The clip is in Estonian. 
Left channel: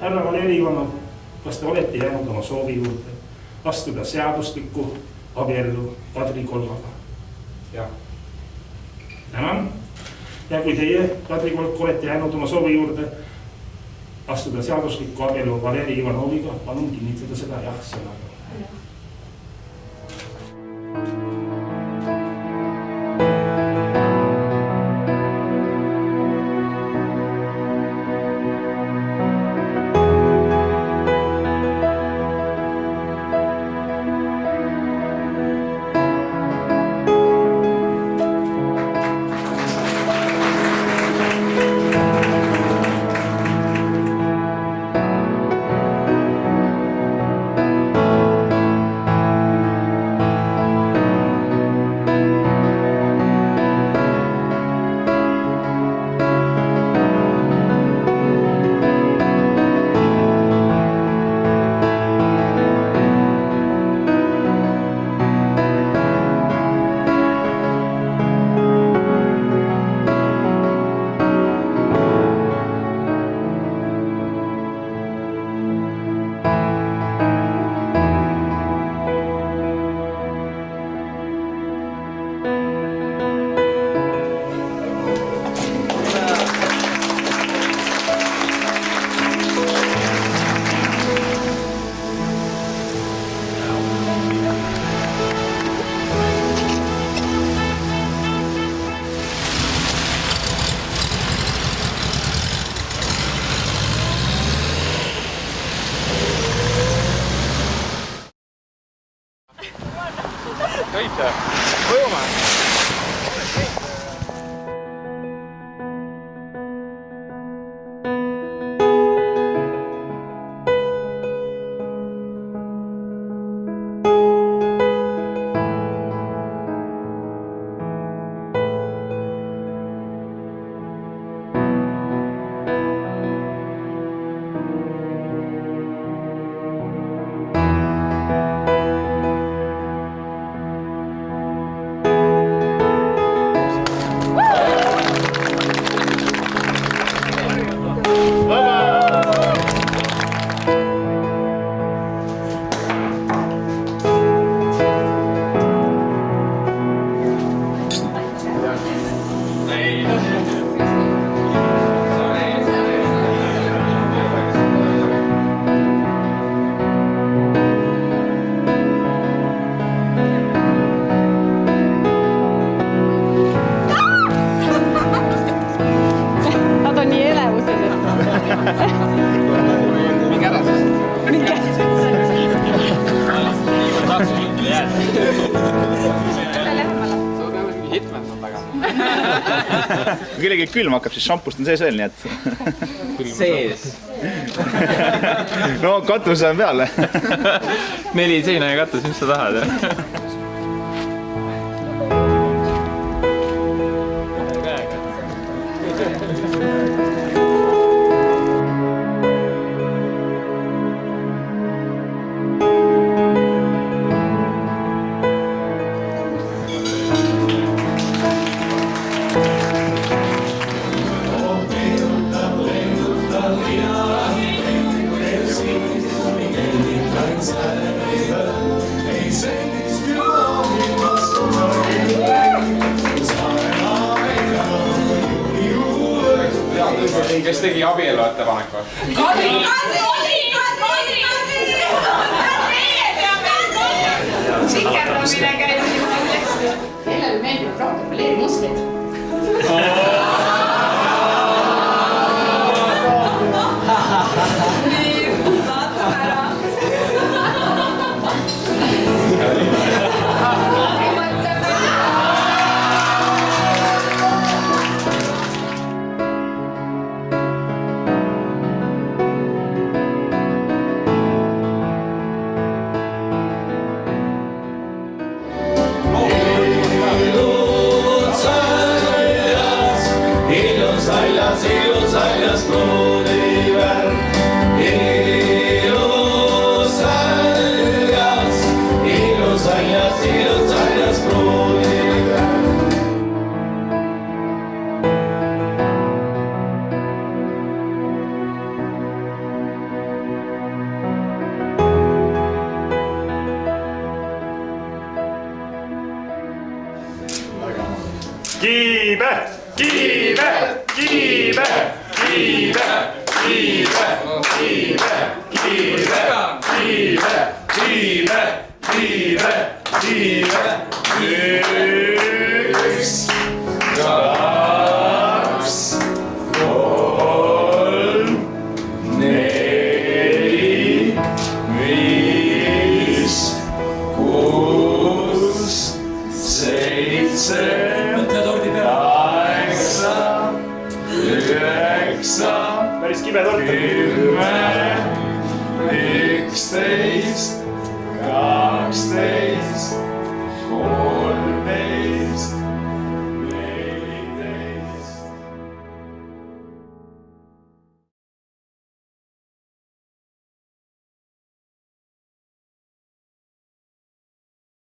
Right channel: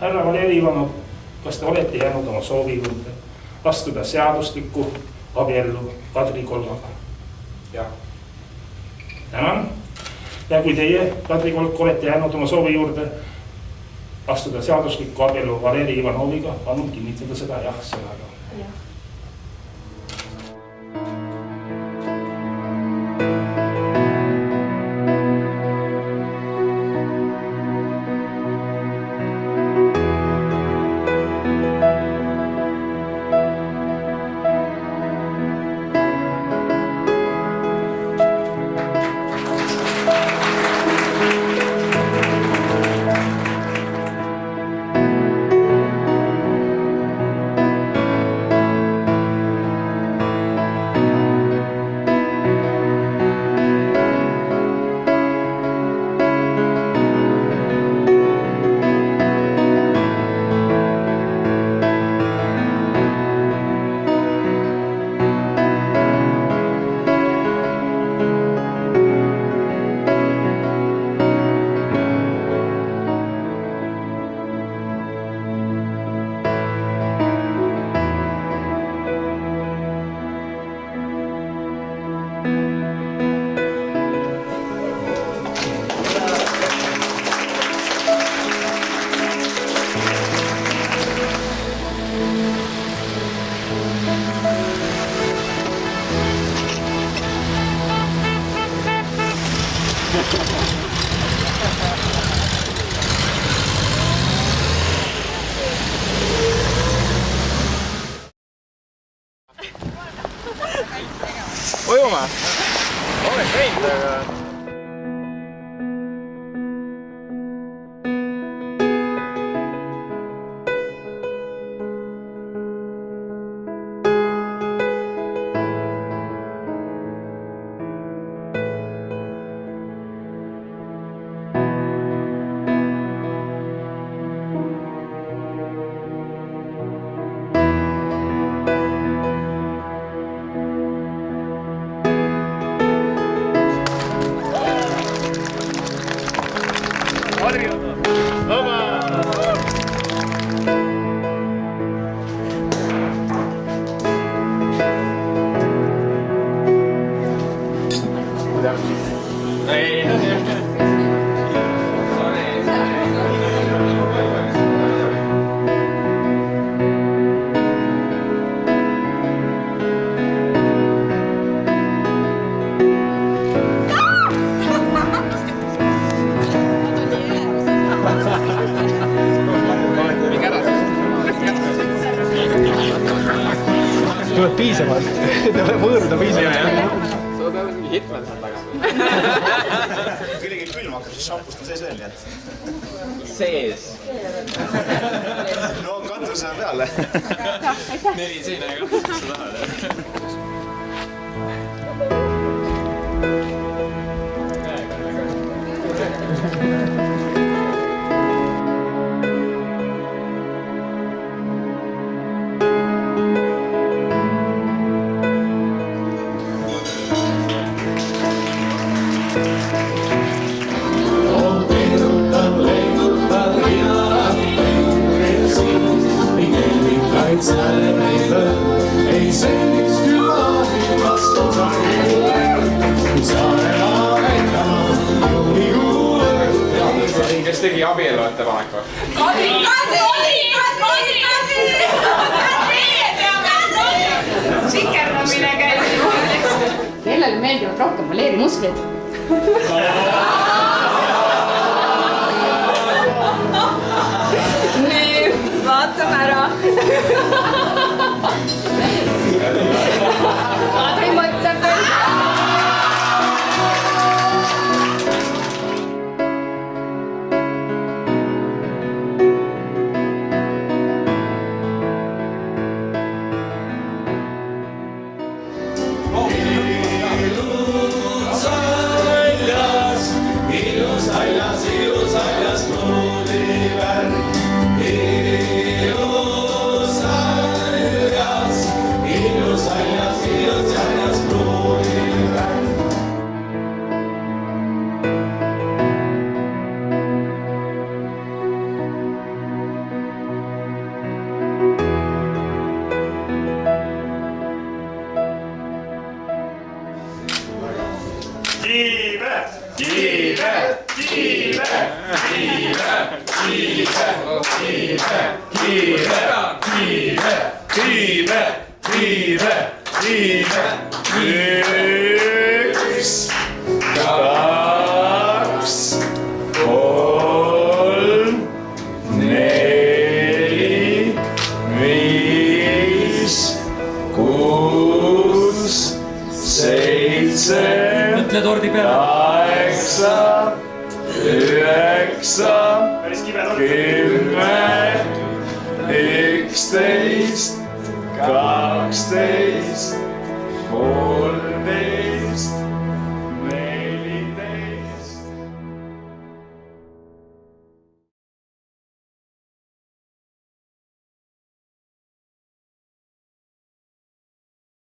Härra Valeri Ivanov, kas te olete jäänud oma soovi juurde astuda seaduslikku abiellu Kadri Kolmaga? Jah. Tänan. Ja kui teie, Kadri Kolk, olete jäänud oma soovi juurde astuda seaduslikku abiellu Valeri Ivanoviga, palun kinnitada seda jah sõnaga. Ujuma? Olen käinud, aga... Kellegi külm hakkab, siis šampust on sees veel, nii et... Sees? No katus on peale. 4 seina ja katus, mis sa tahad? Kes tegi abielu ettepaneku? Kadri! Sikerdamine käib juurde. Kellele meeldivad rohkem Valeri musklid? Nii, vaatame ära. Kadri mõtleb. Üks, kaks, kolm, neli, viis, kuus, seitse, kaheksa, üheksa, 10, 11, 12, 13,